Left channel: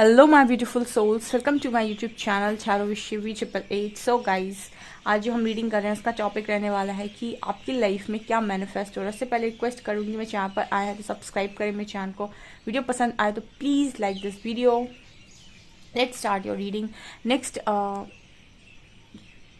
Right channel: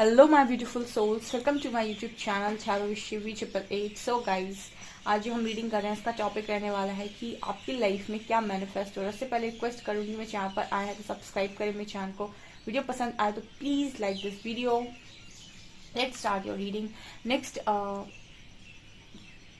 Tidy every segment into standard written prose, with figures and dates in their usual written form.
Hello my beautiful souls, welcome to my YouTube channel चारोविशिवी888। So guys, आज जो हम रीडिंग कर रहे हैं उसका टॉपिक रहने वाला है कि आपकी लाइफ में क्या मैनिफेस्ट हो रहा है। उससे पहले रिक्वेस्ट करूंगी, मैं चैनल पर आया है तो सब्सक्राइब करें मेरे चैनल को। वीडियो पसंद आए तो please like this video. Let's start your reading. Next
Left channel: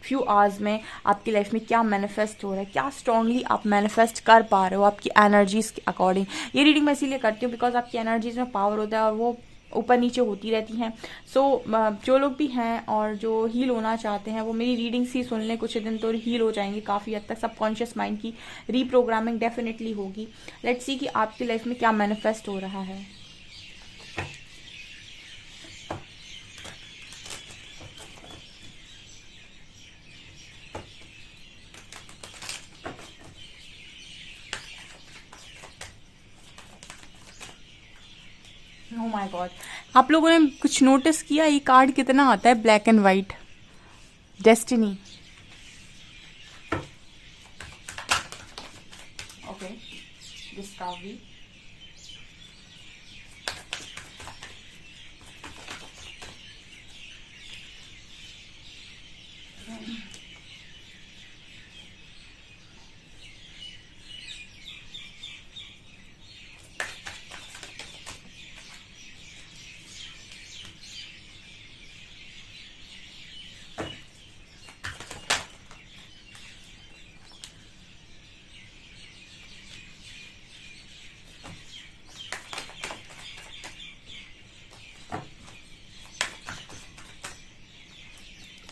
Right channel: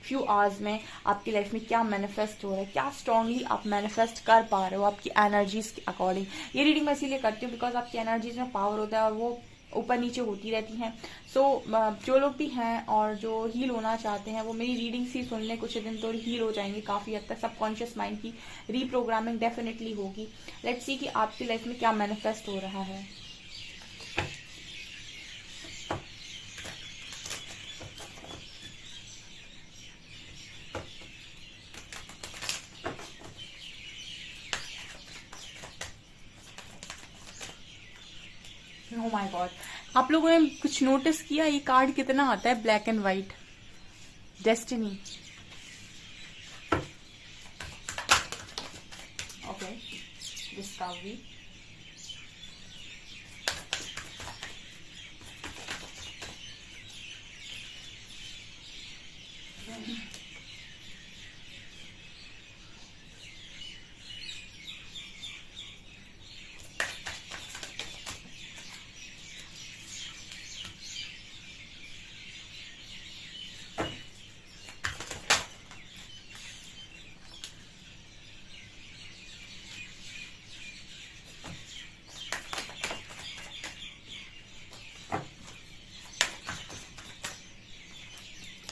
few hours में आपकी लाइफ में क्या मैनिफेस्ट हो रहा है, क्या स्ट्रांगली आप मैनिफेस्ट कर पा रहे हो आपकी एनर्जीज के अकॉर्डिंग। ये रीडिंग मैं इसीलिए करती हूँ बिकॉज आपकी एनर्जीज में पावर होता है और वो ऊपर नीचे होती रहती हैं। सो जो लोग भी हैं और जो हील होना चाहते हैं वो मेरी रीडिंग्स ही सुन लें, कुछ दिन तो हील हो जाएंगे काफ़ी हद तक। सबकॉन्शियस माइंड की रीप्रोग्रामिंग डेफिनेटली होगी। लेट्स सी कि आपकी लाइफ में क्या मैनिफेस्ट हो रहा है। ओह माय गॉड, आप लोगों ने कुछ नोटिस किया ये कार्ड कितना आता है? Black and white, destiny. Okay, discovery,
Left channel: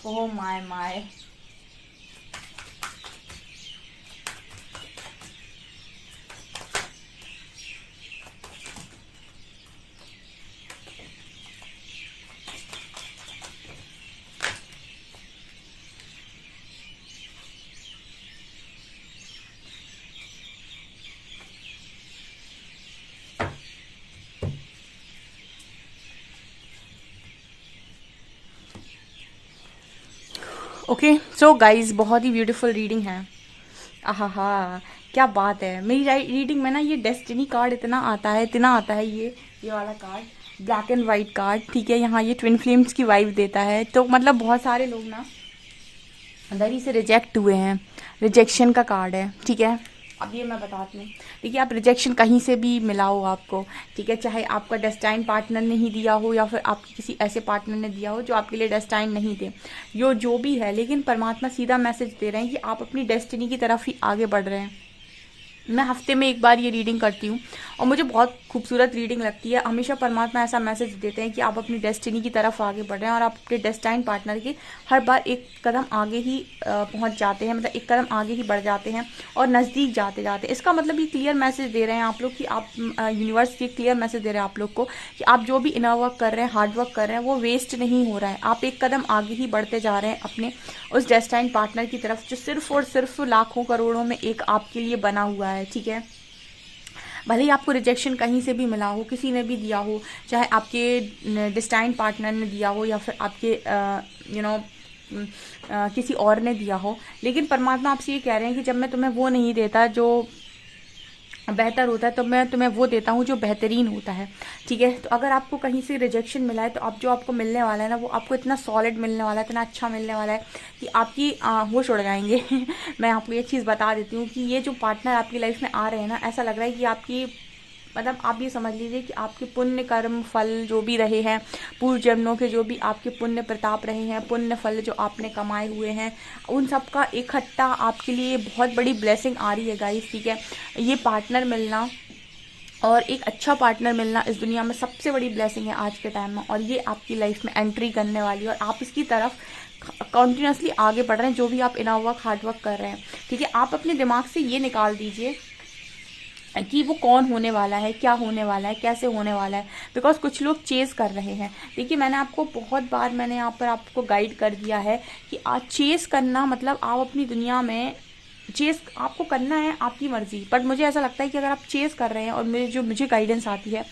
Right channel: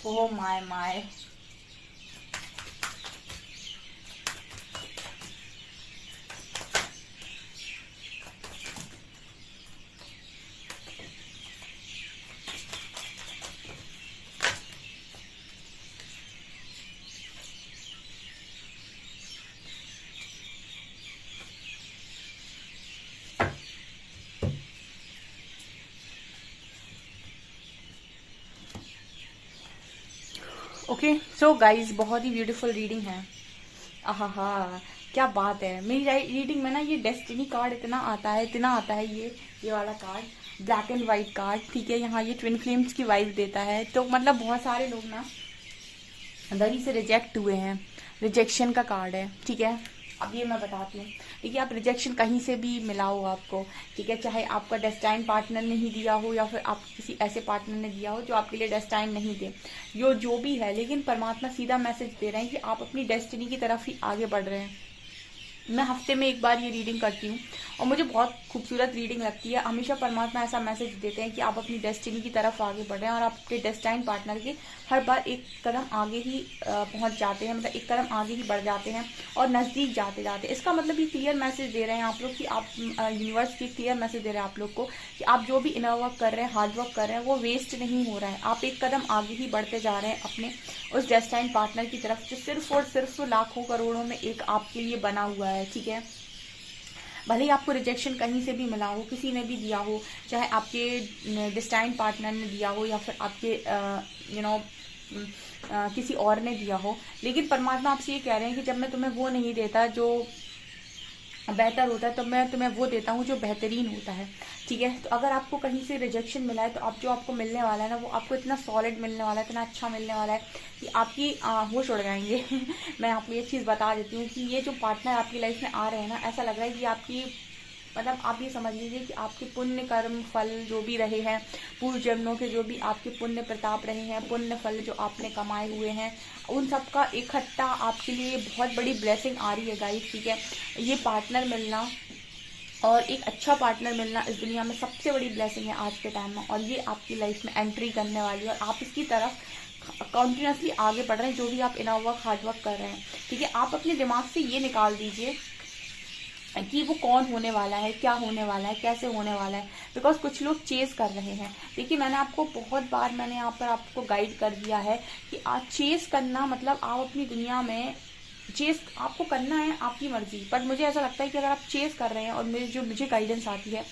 oh my my. Okay so guys, बहुत ही ब्यूटीफुल रीडिंग है। आहा, क्या बात है। मेरी रीडिंग में ना ये डेस्टिनी कार्ड इतना आता है, इतना आता है। ये वाला card black and white card, ठीक है। यहाँ ये ट्विन फ्लेम्स की वाइब देता है। तो मतलब बहुत सारे लोग ना अंदर ही से रिजेक्ट हुए हैं, रिजेक्शन का कार्ड है, ठीक है। अब ये मैं बताती हूँ, देखिए आप रिजेक्शन कहीं से भी मिला हो आपको, ठीक है, चाहे आपका डेस्टाइन पार्टनर ने ही दिया हो या फिर आप किसी ऐसे पार्टनर ने दिया हो जो आपके लिए डेस्टाइन नहीं थे, जो भी है, लेकिन परमात्मा सीधा मैसेज दे रहे हैं कि आप अपनी डेस्टिनी की तरफ ही आगे बढ़ रहे हैं। मैं हफ्ते में एक बार ये रीडिंग करती हूँ और मुझे बहुत खूबसूरत रीडिंग लगती है। हमेशा परमात्मा ऐसा मैसेज देते हैं कि आप अपनी डेस्टिनी की तरफ आगे बढ़ रहे हैं और आप अपने डेस्टाइन पार्टनर के हर बार एक कदम आगे ही पहुंच जाते हैं, मतलब एक कदम आगे ही बढ़ जाते हैं और नज़दीक जाते जाते। इसका मतलब ये क्लियर मैसेज दे रहे हैं आप लोग कि आप यूनिवर्स के क्लियर मैसेज दे रहे हैं आप लोग को कि आप जो भी इनर वर्क कर रहे हैं, हार्ड वर्क कर रहे हैं, वो वेस्ट नहीं हो रहा है। आप एक कदम आगे ही बढ़ते जा रहे हैं अपने उस डेस्टाइन पार्टनर की तरफ जो सिर्फ और सिर्फ लाखों करोड़ों में एक आपके लिए बना हुआ है, ठीक है। भले ही आपको रिजेक्शन कहीं से भी मिला हो, किसी ने भी दिया हो, चाहे आपके डेस्टाइन पार्टनर ने दिया हो या फिर आपके किसी और ने दिया हो, लेकिन परमात्मा आपसे ये कह रहे हैं कि जब मैं तुम्हें वो नहीं देता जो बेहतर होता है तो मैं तुम्हें वो देता हूँ जो बेहतरीन होता है, ठीक है। तो अगर आपको कहीं से रिजेक्शन मिला है तो अब जो आपको मिलने वाला है ना, वो आपको इतना सॉलिड मिलने वाला है, इतना अच्छा मिलने वाला है कि आपकी होश उड़ जाएंगे। मैं आपको एक चीज़ बता देती हूँ कि ये जो पार्टनर आपकी लाइफ में आ रहे हैं ना, ऐसा लग रहा है कि आपकी, मतलब आप ये समझ लीजिए कि आपके पुण्य कर्म फल जो भी रहे हैं, पूर्व जन्मों के जो भी आपके पुण्य प्रताप रहे हैं, पुण्य फल जो आपने कमाए हुए हैं, उन सब का इकट्ठा आपके लिए बहुत बड़ी ब्लेसिंग आ रही है गाइस, ठीक है। ये पार्टनर मिलना और एक अच्छा पार्टनर मिलना इस दुनिया में सबसे बड़ी ब्लेसिंग है आज के टाइम में, और ये आपकी लाइफ में एंट्री करने वाली है और आप इसकी तरफ कंटिन्यूसली आगे बढ़ रहे हैं। जो भी आप इनर वर्क, हार्ड वर्क कर रहे हैं, ठीक है, आप अपने दिमाग से ये निकाल दीजिए कि वो कौन होने वाला है, क्या होने वाला है, कैसे होने वाला है। बिकॉज कुछ लोग चेज कर रहे हैं। देखिए मैंने आपको बहुत बार मैंने यहाँ पर आपको गाइड कर दिया है कि आज चेज करना मतलब आप अपनी दुनिया में चेज आपको करना है, आपकी मर्जी। बट मुझे ऐसा लगता है कि अगर आप चेज कर रहे हैं, और मुझे गाइडेंस आती है,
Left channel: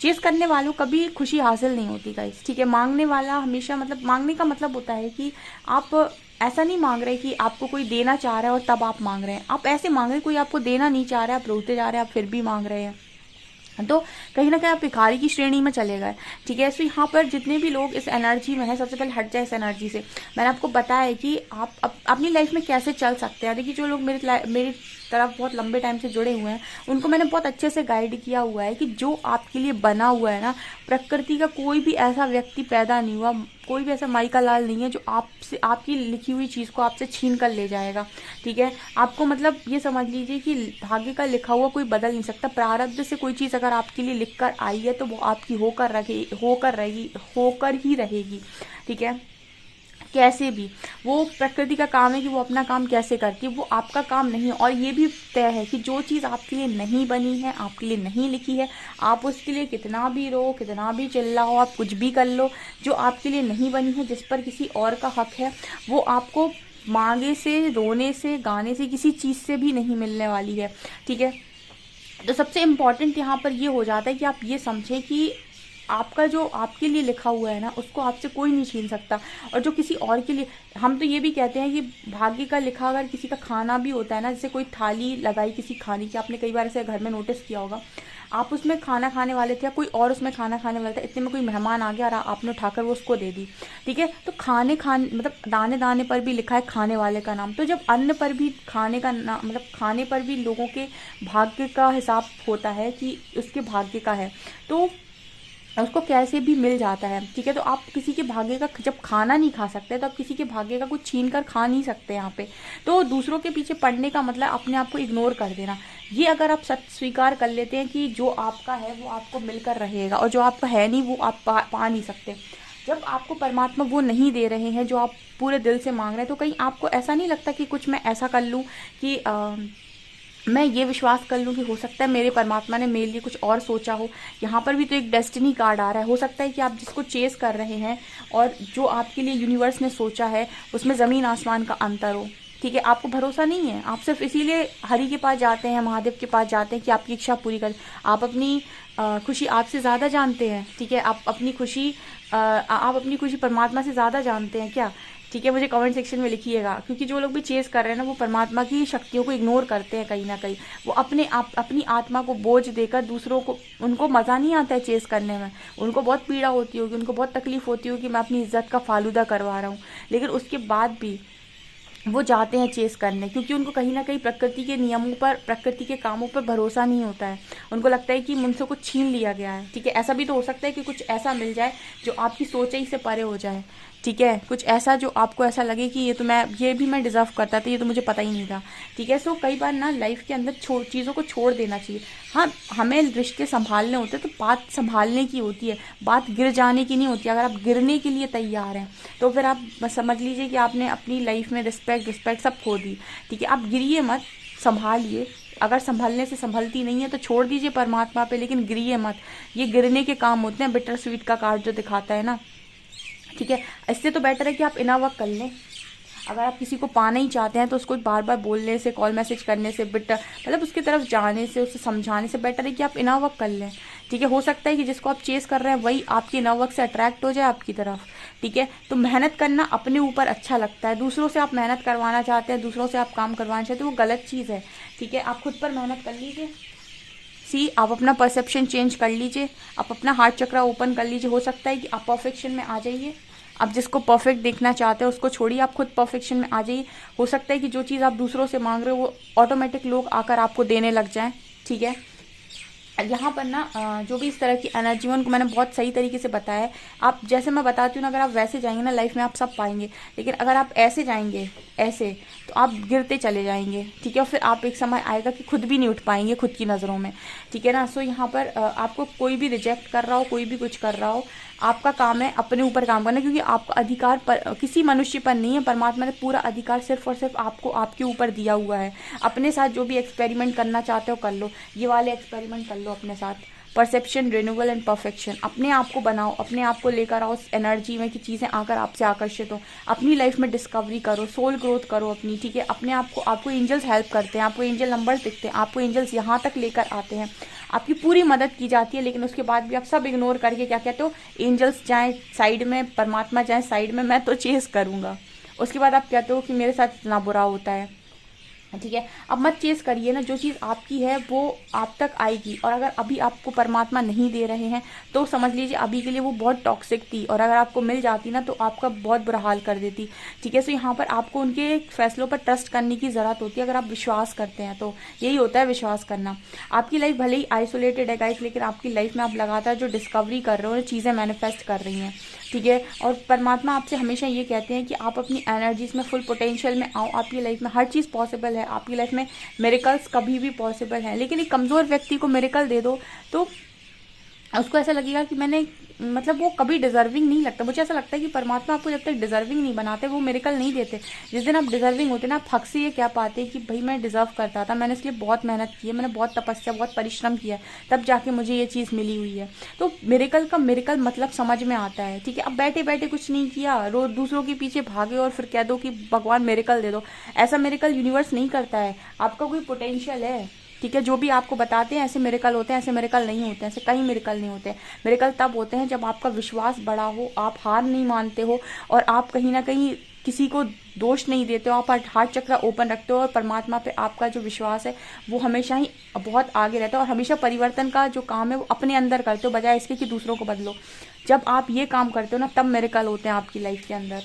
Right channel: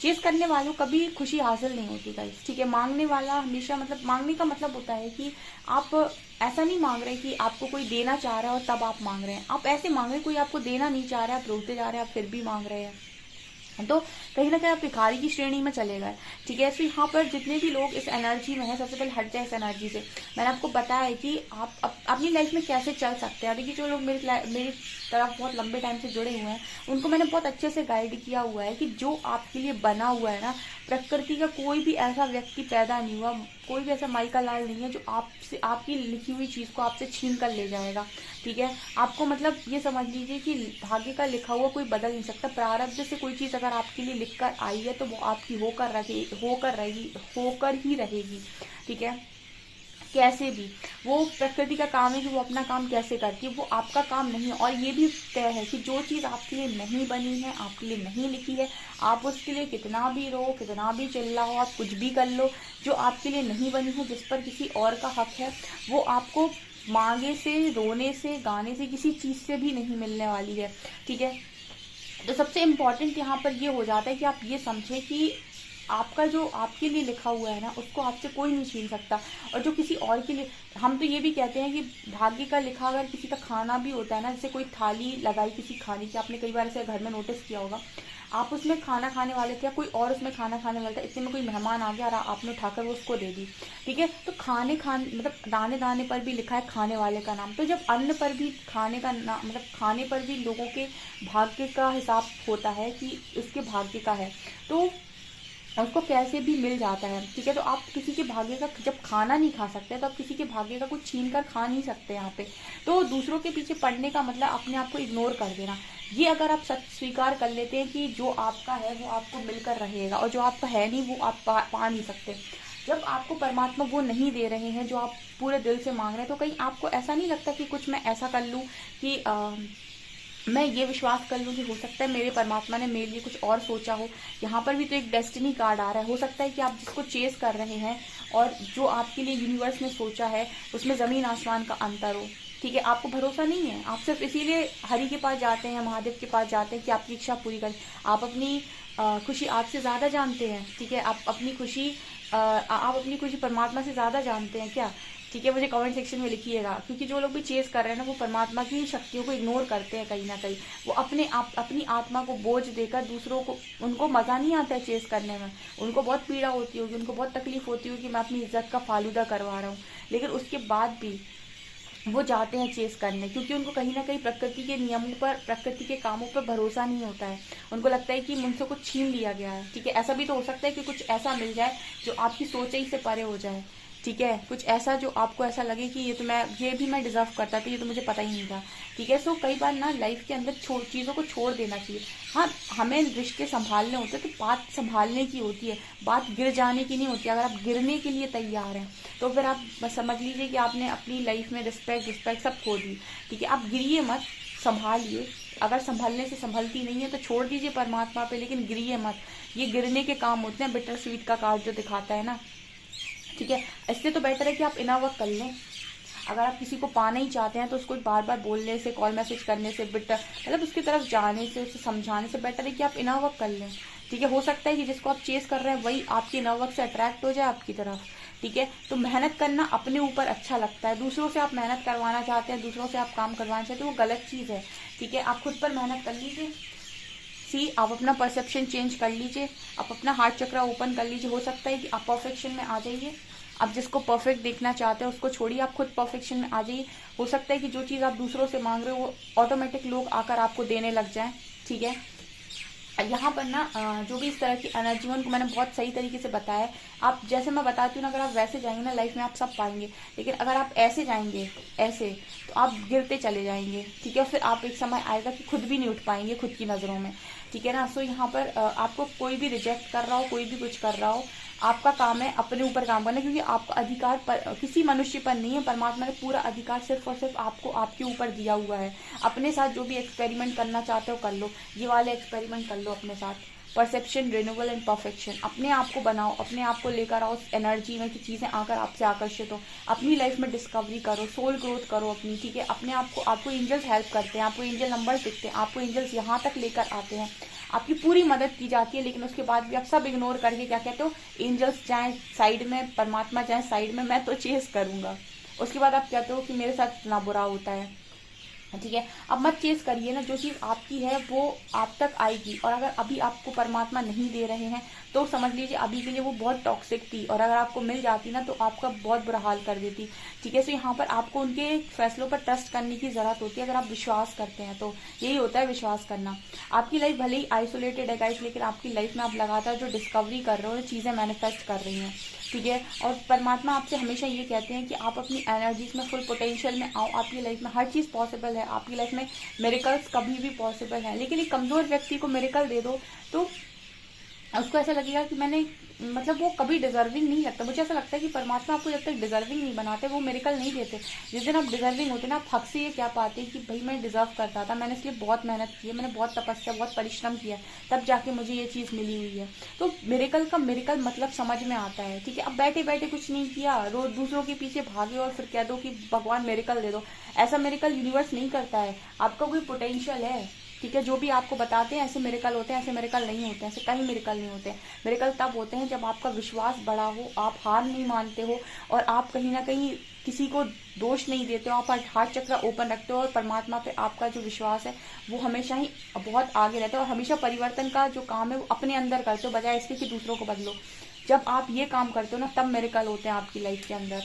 चेज करने वालों कभी खुशी हासिल नहीं होती गाइस, ठीक है। मांगने वाला हमेशा, मतलब मांगने का मतलब होता है कि आप ऐसा नहीं मांग रहे कि आपको कोई देना चाह रहा है और तब आप मांग रहे हैं। आप ऐसे मांग रहे हैं, कोई आपको देना नहीं चाह रहा है, आप रोते जा रहे हैं, आप फिर भी मांग रहे हैं। तो कहीं ना कहीं आप भिखारी की श्रेणी में चले गए। ठीक है, तो यहाँ पर जितने भी लोग इस एनर्जी में है, सबसे पहले हट जाए इस एनर्जी से। मैंने आपको बताया है कि आप अपनी लाइफ में कैसे चल सकते हैं। देखिए, जो लोग मेरी तरफ बहुत लंबे टाइम से जुड़े हुए हैं, उनको मैंने बहुत अच्छे से गाइड किया हुआ है कि जो आपके लिए बना हुआ है ना, प्रकृति का कोई भी ऐसा व्यक्ति पैदा नहीं हुआ, कोई भी ऐसा माइका लाल नहीं है जो आपसे आपकी लिखी हुई चीज़ को आपसे छीन कर ले जाएगा। ठीक है, आपको मतलब ये समझ लीजिए कि भाग्य का लिखा हुआ कोई बदल नहीं सकता। प्रारब्ध से कोई चीज़ अगर आपके लिए लिख कर आई है तो वो आपकी होकर ही रहेगी। ठीक है, कैसे भी वो प्रकृति का काम है कि वो अपना काम कैसे करती है, वो आपका काम नहीं है। और ये भी तय है कि जो चीज़ आपके लिए नहीं बनी है, आपके लिए नहीं लिखी है, आप उसके लिए कितना भी रो, कितना भी चिल्लाओ, आप कुछ भी कर लो, जो आपके लिए नहीं बनी है, जिस पर किसी और का हक है, वो आपको मांगे से, रोने से, गाने से, किसी चीज़ से भी नहीं मिलने वाली है। ठीक है, तो सबसे इम्पॉर्टेंट यहाँ पर ये हो जाता है कि आप ये समझें कि आपका जो आपके लिए लिखा हुआ है ना, उसको आपसे कोई नहीं छीन सकता। और जो किसी और के लिए, हम तो ये भी कहते हैं कि भाग्य का लिखा अगर किसी का खाना भी होता है ना, जैसे कोई थाली लगाई किसी खाने की, आपने कई बार ऐसे घर में नोटिस किया होगा, आप उसमें खाना खाने वाले थे या कोई और उसमें खाना खाने वाला था, इतने में कोई मेहमान आ गया और आपने उठाकर वो उसको दे दी। ठीक है, तो खाने मतलब दाने दाने पर भी लिखा है खाने वाले का नाम। तो जब अन्न पर भी खाने का नाम, मतलब खाने पर भी लोगों के भाग्य का हिसाब होता है कि उसके भाग्य का है, तो उसको कैसे भी मिल जाता है। ठीक है, तो आप किसी के भाग्य का जब खाना नहीं खा सकते, तो आप किसी के भाग्य का कुछ छीन कर खा नहीं सकते यहाँ पे। तो दूसरों के पीछे पड़ने का मतलब अपने आप को इग्नोर कर देना। ये अगर आप सच स्वीकार कर लेते हैं कि जो आपका है वो आपको मिलकर रहेगा, और जो आपका है नहीं वो आप पा नहीं सकते। जब आपको परमात्मा वो नहीं दे रहे हैं जो आप पूरे दिल से मांग रहे हैं, तो कहीं आपको ऐसा नहीं लगता कि कुछ मैं ऐसा कर लूँ कि मैं ये विश्वास कर लूँ कि हो सकता है मेरे परमात्मा ने मेरे लिए कुछ और सोचा हो। यहाँ पर भी तो एक डेस्टिनी कार्ड आ रहा है। हो सकता है कि आप जिसको चेस कर रहे हैं और जो आपके लिए यूनिवर्स ने सोचा है, उसमें ज़मीन आसमान का अंतर हो। ठीक है, आपको भरोसा नहीं है, आप सिर्फ इसीलिए हरि के पास जाते हैं, महादेव के पास जाते हैं कि आपकी इच्छा पूरी करें। आप अपनी खुशी आपसे ज़्यादा जानते हैं। ठीक है, आप अपनी खुशी परमात्मा से ज़्यादा जानते हैं क्या? ठीक है, मुझे कमेंट सेक्शन में लिखिएगा, क्योंकि जो लोग भी चेस कर रहे हैं ना, वो परमात्मा की शक्तियों को इग्नोर करते हैं कहीं ना कहीं। वो अपनी आत्मा को बोझ देकर दूसरों को, उनको मज़ा नहीं आता है चेस करने में, उनको बहुत पीड़ा होती होगी, उनको बहुत तकलीफ होती होगी कि मैं अपनी इज्जत का फालूदा करवा रहा हूँ, लेकिन उसके बाद भी वो जाते हैं चेस करने, क्योंकि उनको कहीं ना कहीं प्रकृति के नियमों पर, प्रकृति के कामों पर भरोसा नहीं होता है। उनको लगता है कि मुझसे कुछ छीन लिया गया है। ठीक है, ऐसा भी तो हो सकता है कि कुछ ऐसा मिल जाए जो आपकी सोच से परे हो जाए। ठीक है, कुछ ऐसा जो आपको ऐसा लगे कि ये भी मैं डिजर्व करता था, ये तो मुझे पता ही नहीं था। ठीक है, सो कई बार ना लाइफ के अंदर चीज़ों को छोड़ देना चाहिए। हाँ, हमें रिश्ते संभालने होते हैं, तो बात संभालने की होती है, बात गिर जाने की नहीं होती। अगर आप गिरने के लिए तैयार हैं तो फिर आप समझ लीजिए कि आपने अपनी लाइफ में रिस्पेक्ट सब खो दी। ठीक है, आप गिरिए मत, संभालिए। अगर संभलने से संभलती नहीं है तो छोड़ दीजिए परमात्मा पे, लेकिन गिरिए मत। ये गिरने के काम होते हैं, बिटर स्वीट का कार्ड जो दिखाता है ना। ठीक है, इससे तो बेटर है कि आप इनर वर्क कर लें। अगर आप किसी को पाना ही चाहते हैं तो उसको बार बार बोलने से, कॉल मैसेज करने से, मतलब उसकी तरफ जाने से, उसे समझाने से बेटर है कि आप इनर वर्क कर लें। ठीक है, हो सकता है कि जिसको आप चेस कर रहे हैं वही आपके इनर वर्क से अट्रैक्ट हो जाए आपकी तरफ। ठीक है, तो मेहनत करना अपने ऊपर अच्छा लगता है। दूसरों से आप मेहनत करवाना चाहते हैं, दूसरों से आप काम करवाना चाहते हैं, वो गलत चीज़ है। ठीक है, आप खुद पर मेहनत कर लीजिए। आप अपना परसेप्शन चेंज कर लीजिए, आप अपना हार्ट चक्रा ओपन कर लीजिए। हो सकता है कि आप परफेक्शन में आ जाइए। आप जिसको परफेक्ट देखना चाहते हो उसको छोड़िए, आप खुद परफेक्शन में आ जाइए। हो सकता है कि जो चीज़ आप दूसरों से मांग रहे हो वो ऑटोमेटिक लोग आकर आपको देने लग जाएं। ठीक है, यहाँ पर ना जो भी इस तरह की एनर्जी उनको मैंने बहुत सही तरीके से बताया है। आप जैसे मैं बताती हूँ ना, अगर आप वैसे जाएंगे ना लाइफ में आप सब पाएंगे, लेकिन अगर आप ऐसे जाएंगे ऐसे तो आप गिरते चले जाएंगे। ठीक है, फिर आप एक समय आएगा कि खुद भी नहीं उठ पाएंगे खुद की नज़रों में। ठीक है ना, सो यहाँ पर आपको कोई भी रिजेक्ट कर रहा हो, कोई भी कुछ कर रहा हो, आपका काम है अपने ऊपर काम करना, क्योंकि आपका अधिकार किसी मनुष्य पर नहीं है। परमात्मा ने पूरा अधिकार सिर्फ और सिर्फ आपको, आपके ऊपर दिया हुआ है। अपने साथ जो भी एक्सपेरिमेंट करना चाहते हो कर लो, ये वाले एक्सपेरिमेंट कर लो अपने साथ। परसेप्शन, रिन्यूअल एंड परफेक्शन, अपने आप को बनाओ, अपने आप को लेकर आओ उस एनर्जी में कि चीज़ें आकर आपसे आकर्षित हो। अपनी लाइफ में डिस्कवरी करो, सोल ग्रोथ करो अपनी। ठीक है, अपने आप को, आपको एंजल्स हेल्प करते हैं, आपको एंजल नंबर्स दिखते हैं, आपको एंजल्स यहाँ तक लेकर आते हैं, आपकी पूरी मदद की जाती है। लेकिन उसके बाद भी आप सब इग्नोर करके क्या कहते हो, एंजल्स जाएं साइड में, परमात्मा जाए साइड में, मैं तो चेस करूंगा। उसके बाद आप कहते हो कि मेरे साथ इतना बुरा होता है। ठीक है। अब मत चेस करिए ना, जो चीज़ आपकी है वो आप तक आएगी। और अगर अभी आपको परमात्मा नहीं दे रहे हैं तो समझ लीजिए अभी के लिए वो बहुत टॉक्सिक थी, और अगर आपको मिल जाती ना तो आपका बहुत बुरा हाल कर देती। ठीक है। तो यहाँ पर आपको उनके फैसलों पर ट्रस्ट करने की ज़रूरत होती है, अगर आप विश्वास करते हैं तो। यही होता है विश्वास करना। आपकी लाइफ भले ही आइसोलेटेड है गाइस, लेकिन आपकी लाइफ में आप लगातार जो डिस्कवरी कर रहे हो, चीज़ें मैनिफेस्ट कर रही हैं। ठीक है। और परमात्मा आपसे हमेशा ये कहते हैं कि आप अपनी एनर्जीज में फुल पोटेंशियल में आओ। आपकी लाइफ में हर चीज़ पॉसिबल है, आपकी लाइफ में मिरेकल्स कभी भी पॉसिबल है। लेकिन एक कमज़ोर व्यक्ति को मिरेकल दे दो तो उसको ऐसा लगेगा कि मैंने, मतलब वो कभी डिजर्विंग नहीं लगता। मुझे ऐसा लगता है कि परमात्मा आपको जब तक डिजर्विंग नहीं बनाते वो मिरेकल नहीं देते। जिस दिन आप डिजर्विंग होते ना, आप हक से ये क्या पाते कि भाई मैं डिजर्व करता था, मैंने इसलिए बहुत मेहनत की है, मैंने बहुत तपस्या, बहुत परिश्रम किया है, तब जाके मुझे ये चीज़ मिली हुई है। तो मिरेकल का मिरेकल मतलब समझ में आता है। ठीक है। अब बैठे बैठे कुछ नहीं किया, रोज दूसरों के पीछे भागे और फिर कह दो कि भगवान मिरेकल दे दो, ऐसा मिरेकल यूनिवर्स नहीं करता है। आपका कोई पोटेंशियल है। ठीक है। जो भी आपको बताते हैं ऐसे मिरेकल होते हैं, ऐसे मिरेकल नहीं होते हैं, ऐसे कहीं मिरेकल नहीं होते हैं। मिरेकल तब होते हैं जब आपका विश्वास बड़ा हो, आप हार नहीं मानते हो, और आप कहीं ना कहीं किसी को दोष नहीं देते हो, आप हार्ट चक्र ओपन रखते हो, और परमात्मा पे आपका जो विश्वास है वो हमेशा ही बहुत आगे रहता है। और हमेशा परिवर्तन का जो काम है वो अपने अंदर करते हो, बजाय इसके कि दूसरों को बदलो। जब आप ये काम करते हो ना, तब मिरेकल होते हैं आपकी लाइफ के अंदर।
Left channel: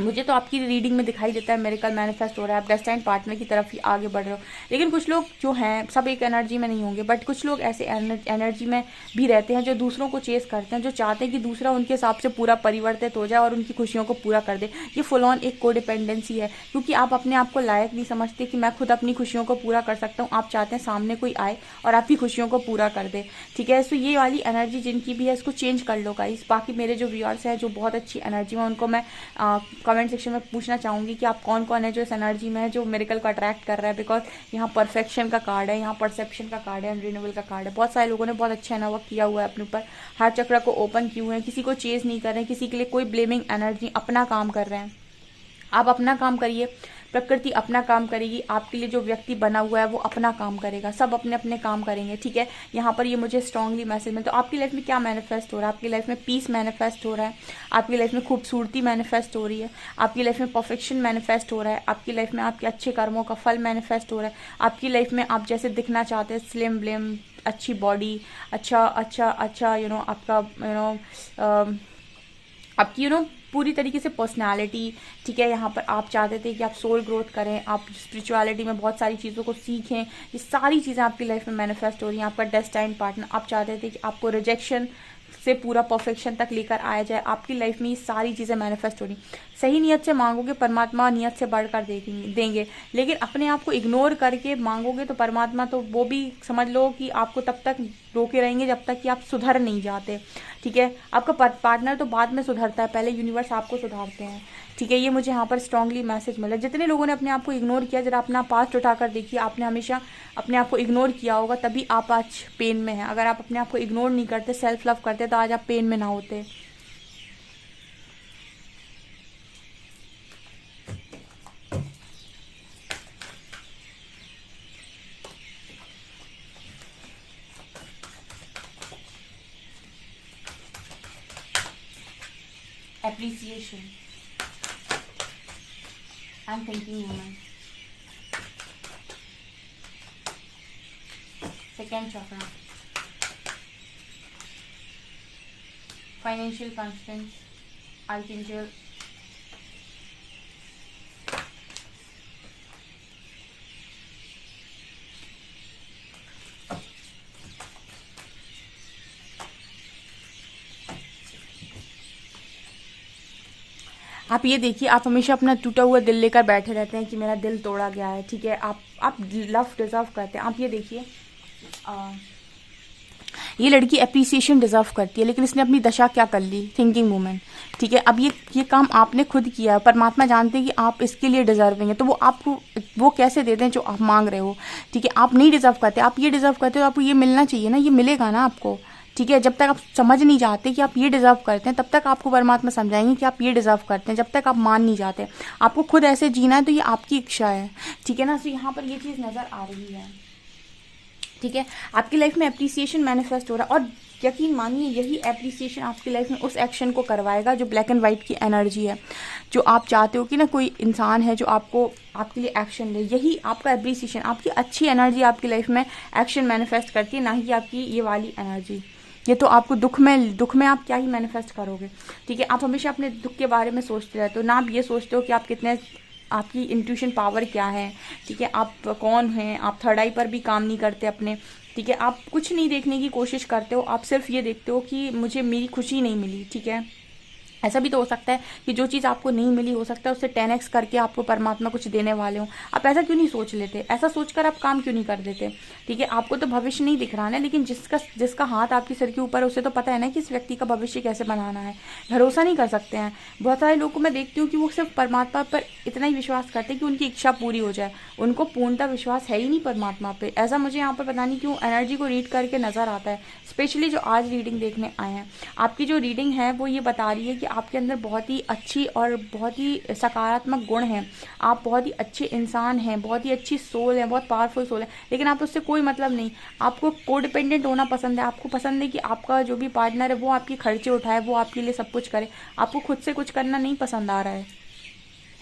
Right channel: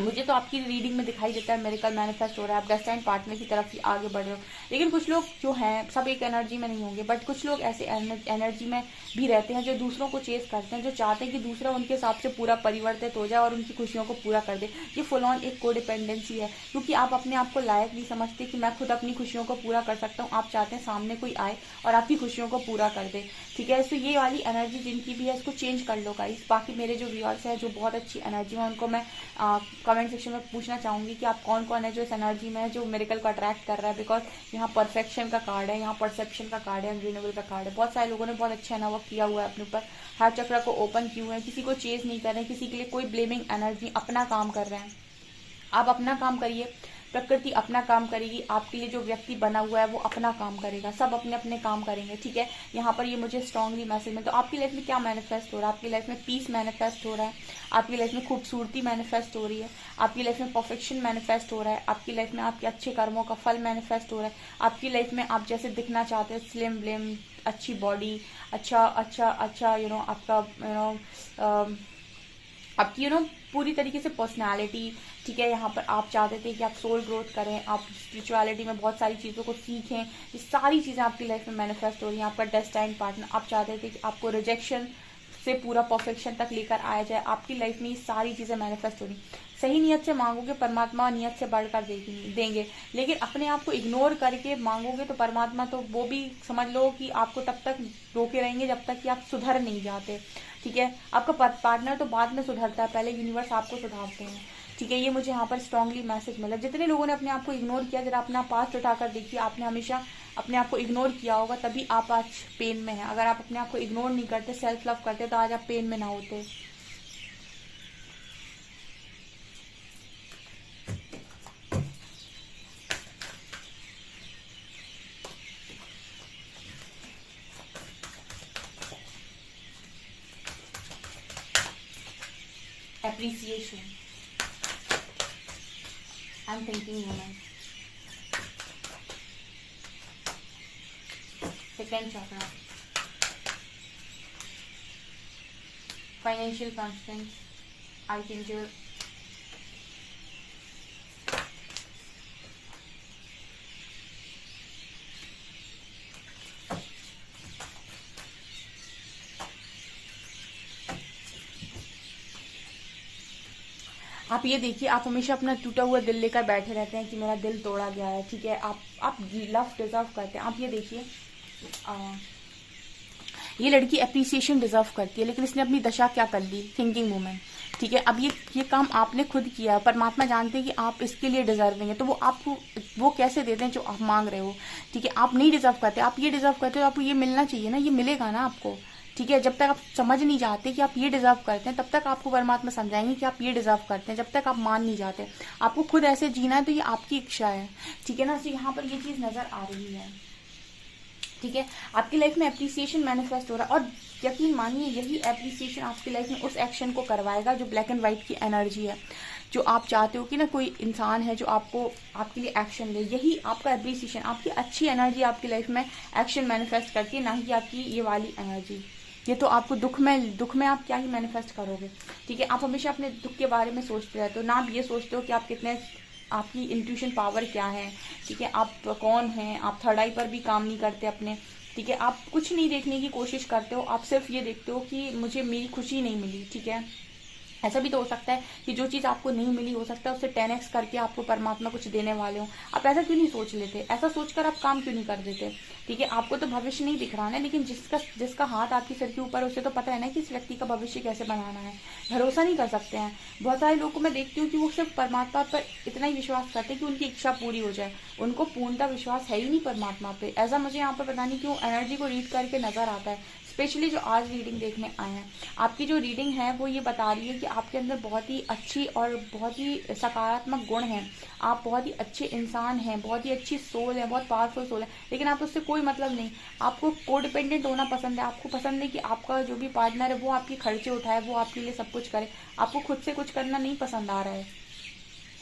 मुझे तो आपकी रीडिंग में दिखाई देता है मिरेकल मैनिफेस्ट हो रहा है, आप डेस्टाइन पार्टनर की तरफ ही आगे बढ़ रहे हो। लेकिन कुछ लोग जो हैं सब एक एनर्जी में नहीं होंगे, बट कुछ लोग ऐसे एनर्जी में भी रहते हैं जो दूसरों को चेस करते हैं, जो चाहते हैं कि दूसरा उनके हिसाब से पूरा परिवर्तित हो जाए और उनकी खुशियों को पूरा कर दे। ये फुल ऑन एक कोडिपेंडेंसी है, क्योंकि आप अपने आप को लायक नहीं समझते कि मैं खुद अपनी खुशियों को पूरा कर सकता हूँ। आप चाहते हैं सामने कोई आए और आपकी खुशियों को पूरा कर दे। ठीक है। तो ये वाली एनर्जी जिनकी भी है इसको चेंज कर लो गाइस। बाकी मेरे जो व्यूअर्स हैं जो बहुत अच्छी एनर्जी में, उनको मैं कमेंट सेक्शन में पूछना चाहूंगी कि आप कौन कौन है जो इस एनर्जी में है, जो मिरेकल को अट्रैक्ट कर रहा है। बिकॉज यहाँ परफेक्शन का कार्ड है, यहाँ परसेप्शन का कार्ड है, रिन्यूअल का कार्ड है। बहुत सारे लोगों ने बहुत अच्छा है ना वर्क किया हुआ है अपने ऊपर, हार्ट चक्र को ओपन किए हुए हैं, किसी को चेज नहीं कर रहे हैं, किसी के लिए कोई ब्लेमिंग एनर्जी, अपना काम कर रहे हैं। आप अपना काम करिए, प्रकृति अपना काम करेगी, आपके लिए जो व्यक्ति बना हुआ है वो अपना काम करेगा, सब अपने अपने काम करेंगे। ठीक है। यहाँ पर ये मुझे स्ट्रांगली मैसेज में, तो आपकी लाइफ में क्या मैनिफेस्ट हो रहा है? आपकी लाइफ में पीस मैनिफेस्ट हो रहा है, आपकी लाइफ में खूबसूरती मैनिफेस्ट हो रही है, आपकी लाइफ में परफेक्शन मैनिफेस्ट हो रहा है, आपकी लाइफ में आपके अच्छे कर्मों का फल मैनिफेस्ट हो रहा है, आपकी लाइफ में आप जैसे दिखना चाहते हैं, स्लिम ब्लिम, अच्छी बॉडी, अच्छा अच्छा अच्छा आपका आपकी पूरी तरीके से पर्सनालिटी। ठीक है। यहाँ पर आप चाहते थे कि आप सोल ग्रोथ करें, आप स्पिरिचुअलिटी में बहुत सारी चीज़ों को सीखें, ये सारी चीज़ें आपकी लाइफ में मैनिफेस्ट हो रही हैं। आपका डेस्टाइन पार्टनर, आप चाहते थे कि आपको रिजेक्शन से पूरा परफेक्शन तक लेकर आया जाए, आपकी लाइफ में ये सारी चीज़ें मैनिफेस्ट हो रही। सही नियत से मांगोगे परमात्मा नियत से बढ़कर देंगे, लेकिन अपने आप को इग्नोर करके मांगोगे तो परमात्मा तो वो भी समझ लो कि आपको तब तक रोके रहेंगे जब तक कि आप सुधर नहीं जाते। ठीक है। आपका पार्टनर तो बाद में सुधरता है, पहले यूनिवर्स आपको सुधारते हैं। ठीक है। ये मुझे यहाँ पर स्ट्रांगली मैसेज मिला। जितने लोगों ने अपने आप को इग्नोर किया, जरा अपना पास्ट उठाकर देखिए, आपने हमेशा अपने आप को इग्नोर किया होगा, तभी आप आज पेन में हैं। अगर आप अपने आप को इग्नोर नहीं करते, सेल्फ लव करते, तो आज आप पेन में ना होते। Appreciation. I'm thinking more. Second chakra. Financial constants. Archangel. आप ये देखिए, आप हमेशा अपना टूटा हुआ दिल लेकर बैठे रहते हैं कि मेरा दिल तोड़ा गया है। ठीक है। आप लव डिजर्व करते हैं। आप ये देखिए, ये लड़की अप्रिसिएशन डिजर्व करती है, लेकिन इसने अपनी दशा क्या कर ली, थिंकिंग वूमेन। ठीक है। अब ये काम आपने खुद किया, परमात्मा जानते हैं कि आप इसके लिए डिजर्विंग है, तो वो आपको वो कैसे देते हैं जो आप मांग रहे हो। ठीक है। आप नहीं डिजर्व करते, आप ये डिजर्व करते हो, आपको ये मिलना चाहिए ना, ये मिलेगा ना आपको। ठीक है। जब तक आप समझ नहीं जाते कि आप ये डिजर्व करते हैं, तब तक आपको परमात्मा समझाएंगे कि आप ये डिजर्व करते हैं। जब तक आप मान नहीं जाते, आपको खुद ऐसे जीना है तो ये आपकी इच्छा है। ठीक है ना। तो यहाँ पर ये चीज़ नजर आ रही है। ठीक है। आपकी लाइफ में अप्रिसिएशन मैनिफेस्ट हो रहा है, और यकीन मानिए यही एप्रिसिएशन आपकी लाइफ में उस एक्शन को करवाएगा जो ब्लैक एंड वाइट की एनर्जी है, जो आप चाहते हो कि ना कोई इंसान है जो आपको आपके लिए एक्शन ले, यही आपका एप्रिसिएशन, आपकी अच्छी एनर्जी आपकी लाइफ में एक्शन मैनिफेस्ट करती है, ना ही आपकी ये वाली एनर्जी। ये तो आपको दुख में आप क्या ही मैनिफेस्ट करोगे, ठीक है। आप हमेशा अपने दुख के बारे में सोचते रहते हो ना, आप ये सोचते हो कि आप कितने, आपकी इंट्यूशन पावर क्या है, ठीक है, आप कौन हैं, आप थर्ड आई पर भी काम नहीं करते अपने, ठीक है, आप कुछ नहीं देखने की कोशिश करते हो, आप सिर्फ ये देखते हो कि मुझे मेरी खुशी नहीं मिली, ठीक है। ऐसा भी तो हो सकता है कि जो चीज़ आपको नहीं मिली, हो सकता है उससे 10x करके आपको परमात्मा कुछ देने वाले हो। आप ऐसा क्यों नहीं सोच लेते, ऐसा सोचकर आप काम क्यों नहीं कर देते, ठीक है। आपको तो भविष्य नहीं दिख रहा है, लेकिन जिसका हाथ आपके सिर के ऊपर है उसे तो पता है ना कि इस व्यक्ति का भविष्य कैसे बनाना है। भरोसा नहीं कर सकते हैं। बहुत सारे लोगों को मैं देखती हूँ कि वो सिर्फ परमात्मा पर इतना ही विश्वास करते हैं कि उनकी इच्छा पूरी हो जाए, उनको पूर्णतः विश्वास है ही नहीं परमात्मा पे। ऐसा मुझे यहाँ पर पता नहीं क्यों एनर्जी को रीड करके नजर आता है, स्पेशली जो आज रीडिंग देखने आए हैं। आपकी जो रीडिंग है वो ये बता रही है कि आपके अंदर बहुत ही अच्छी और बहुत ही सकारात्मक गुण हैं, आप बहुत ही अच्छे इंसान हैं, बहुत ही अच्छी सोल है, बहुत पावरफुल सोल है, लेकिन आप उससे कोई मतलब नहीं। आपको कोडिपेंडेंट होना पसंद है, आपको पसंद है कि आपका जो भी पार्टनर है वो आपके खर्चे उठाए, वो आपके लिए सब कुछ करे, आपको खुद से कुछ करना नहीं पसंद आ रहा है,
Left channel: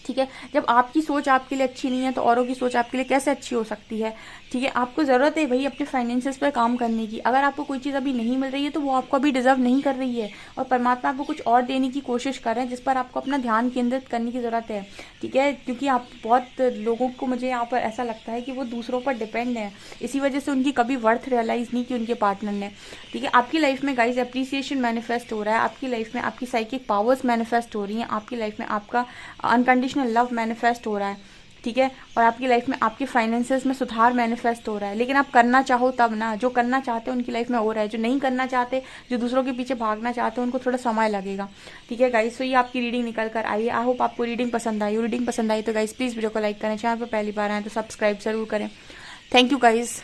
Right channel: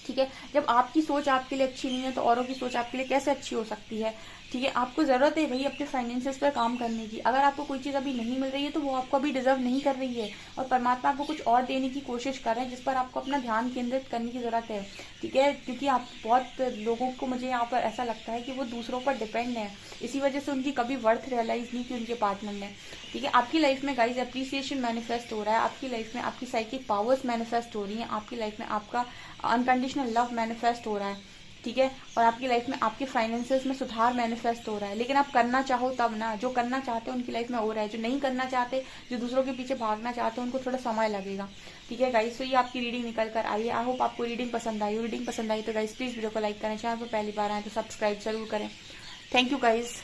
ठीक है। जब आपकी सोच आपके लिए अच्छी नहीं है तो औरों की सोच आपके लिए कैसे अच्छी हो सकती है, ठीक है। आपको ज़रूरत है भाई अपने फाइनेंसेस पर काम करने की। अगर आपको कोई चीज़ अभी नहीं मिल रही है तो वो आपको अभी डिजर्व नहीं कर रही है, और परमात्मा आपको कुछ और देने की कोशिश कर रहे हैं जिस पर आपको अपना ध्यान केंद्रित करने की ज़रूरत है, ठीक है। क्योंकि आप बहुत लोगों को, मुझे यहाँ पर ऐसा लगता है कि वो दूसरों पर डिपेंड है, इसी वजह से उनकी कभी वर्थ रियलाइज़ नहीं की उनके पार्टनर ने, ठीक है। आपकी लाइफ में गाइज एप्रिसिएशन मैनिफेस्ट हो रहा है, आपकी लाइफ में आपकी साइकिक पावर्स मैनिफेस्ट हो रही हैं, आपकी लाइफ में आपका अनकंडीशनल लव मैनिफेस्ट हो रहा है, ठीक है। और आपकी लाइफ में आपके फाइनेंसेस में सुधार मैनिफेस्ट हो रहा है, लेकिन आप करना चाहो तब ना। जो करना चाहते हो उनकी लाइफ में हो रहा है, जो नहीं करना चाहते, जो दूसरों के पीछे भागना चाहते हो, उनको थोड़ा समय लगेगा, ठीक है गाइस। तो ये आपकी रीडिंग निकल कर आई है। आई होप आपको रीडिंग पसंद आई। रीडिंग पसंद आई तो गाइस प्लीज वीडियो को लाइक करें, चैनल पर पहली बार आए तो सब्सक्राइब जरूर करें। Thank you guys.